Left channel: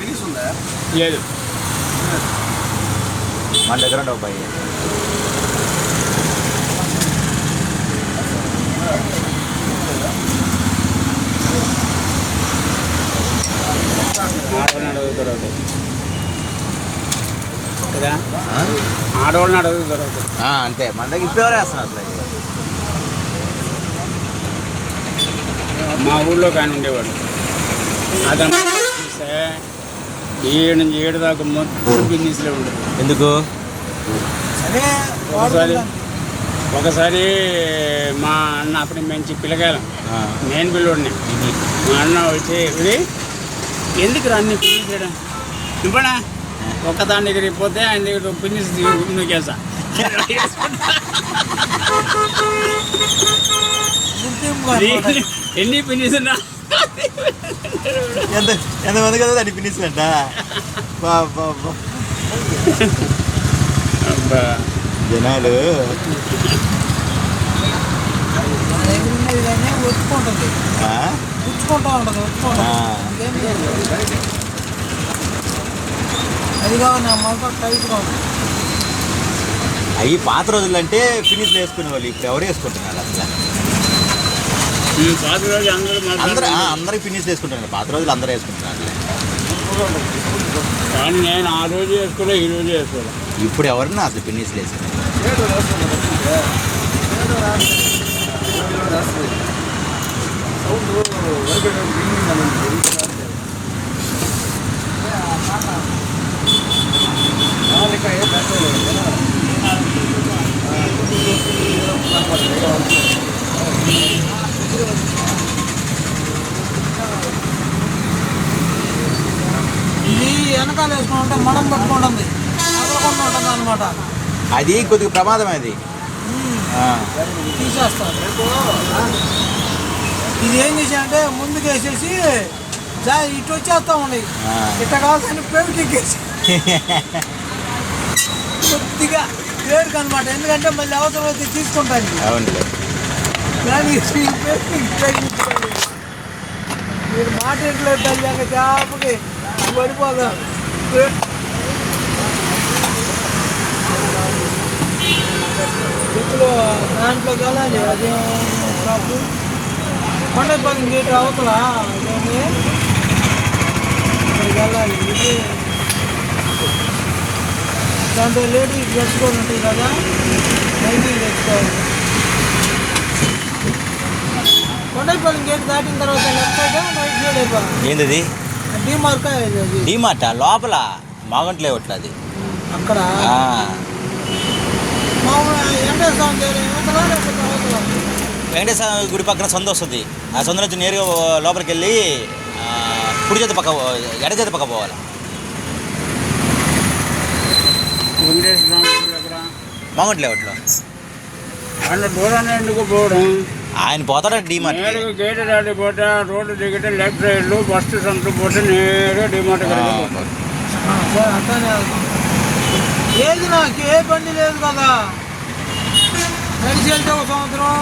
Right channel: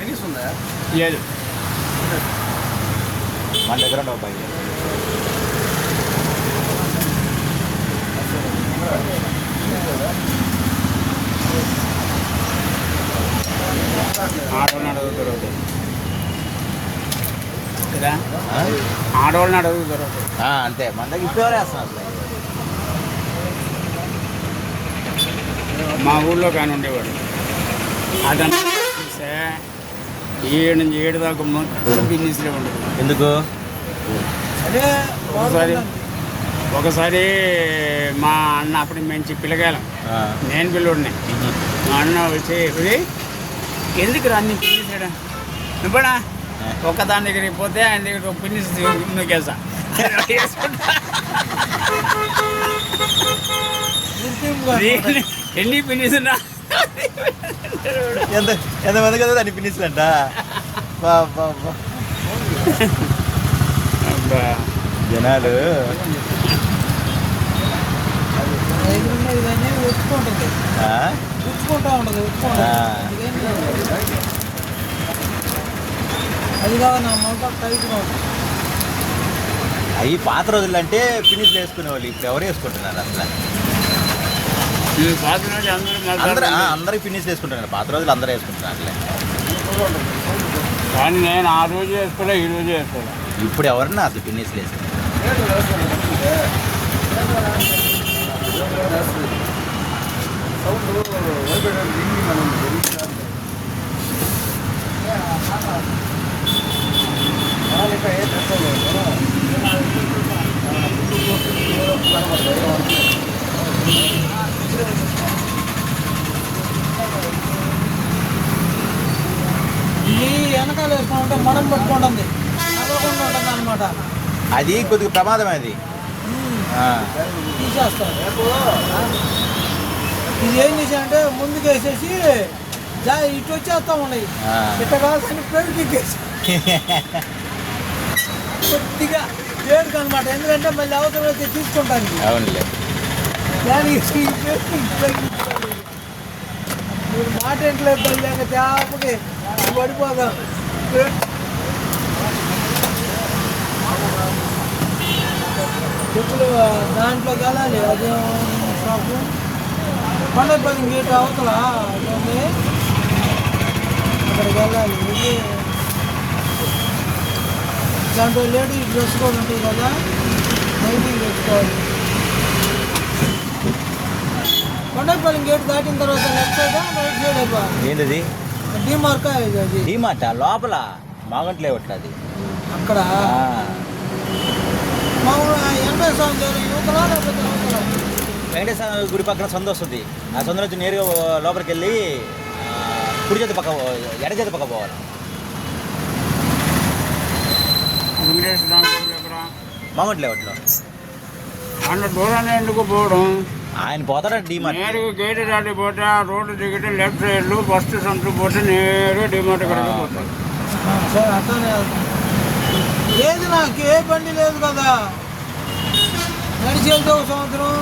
లేదు మన దగ్గర ఉండవు భయ్య ఆడవాళ్ళని అడుగుతారు ఒకటి. కదా? ఆడవాళ్ళని అడుగుతారు ఒకటి. ఆ, అంతే. మన దగ్గర ఇప్పుడు ఎవరు వేస్తున్నారు మా ఊళ్ళో కానీ ఉండేవాడు. చూస్తే ఏడు నుంచి ఏడు దాకా మొత్తం బిజినెస్లో ఉంటుంది. ఎందుకు? ఒకసారి ఒకసారి మా అన్న అప్పుడు మంచి పిల్లగాలం నేను పిల్లోడిని. మా అన్న వచ్చి ఇది ఎందుకు అన్ని పిన్నిసాడు నువ్వడా ఒక్కదాని దగ్గరికి పోతే ఆయన దగ్గర నూకేసా ఎన్ని- ఎంత బా అబ్బా. జనాలు. అవి పాత రోజులు అంటే ఫినిష్ వేసుకునే వాళ్ళు ఇప్పుడు ఎవరు వేసుకుంటున్నారు అసలు పాత రోజు అందరూ అందరూ ఫినిష్ వేసుకుంటున్నారు పాత రోజులు అందరూ వేసుకుంటున్నారు. కానీ నేను ఆ రోజు వేసుకోలే ఈ రోజు వేసుకోలే ఇప్పుడు ఎవరన్నా అసలు ఫినిష్ వేసుకుంటారు పెట్టుకుంటుంది. ఉంటుంది అనమాట అది కొద్దిగా ఆ, తీసేస్తాం. ఇది ఏం చేసామంటే ముందుకు వేసేసి జా ఇటు వచ్చేస్తా ఉన్నాయి. ఇట్ట కావాల్సిన పేరుకి ఎక్కేసి కొద్దిగా పేరుకి అనమాట ఎందుకంటే మళ్ళీ అవసరం అయితే తీసుకుంటాను. పేరుకి మీరు మాట ఇంట్లో తేపకి పడిపోదాం ఇప్పుడు దాంట్లో వెళ్ళాలి అది షాపు. పండగ పది గేట్ అవతల? ఉంది. అక్కడికి వెళ్ళాలి దాంట్లో లేడీస్ డ్రెస్ కూడా ఉంటుంది కదా? నైటీ తెచ్చుకోవాలి కొండపల్లి గేట్ దాటిన తర్వాత left side? Right side? DMart లోపల మాగంట్ లేవట్లేదు అది అక్కడ మామూలు వెంకటేశ్వర గుడి పక్కన సందు వస్తుంది. ఆ సందు నుంచి నేరుగా లోపలికి వెళ్ళి కుడి చేతి పక్క పో- ఎడ చేతి పక్క పోవాలి. మాగంట్ లేవట్లో పోవడం? ఆయన పోతాడు డిమార్ట్ గేట్ దాటి పోతే రోడ్డు దిగితే లెఫ్ట్ సైడ్ ఫస్ట్ సంత పోతే నేరుగా డిమార్ట్ ఏది నాకు? ఏ బండి లేదు కదా. నడిచి వెళ్తే ఒక సంవత్సరం.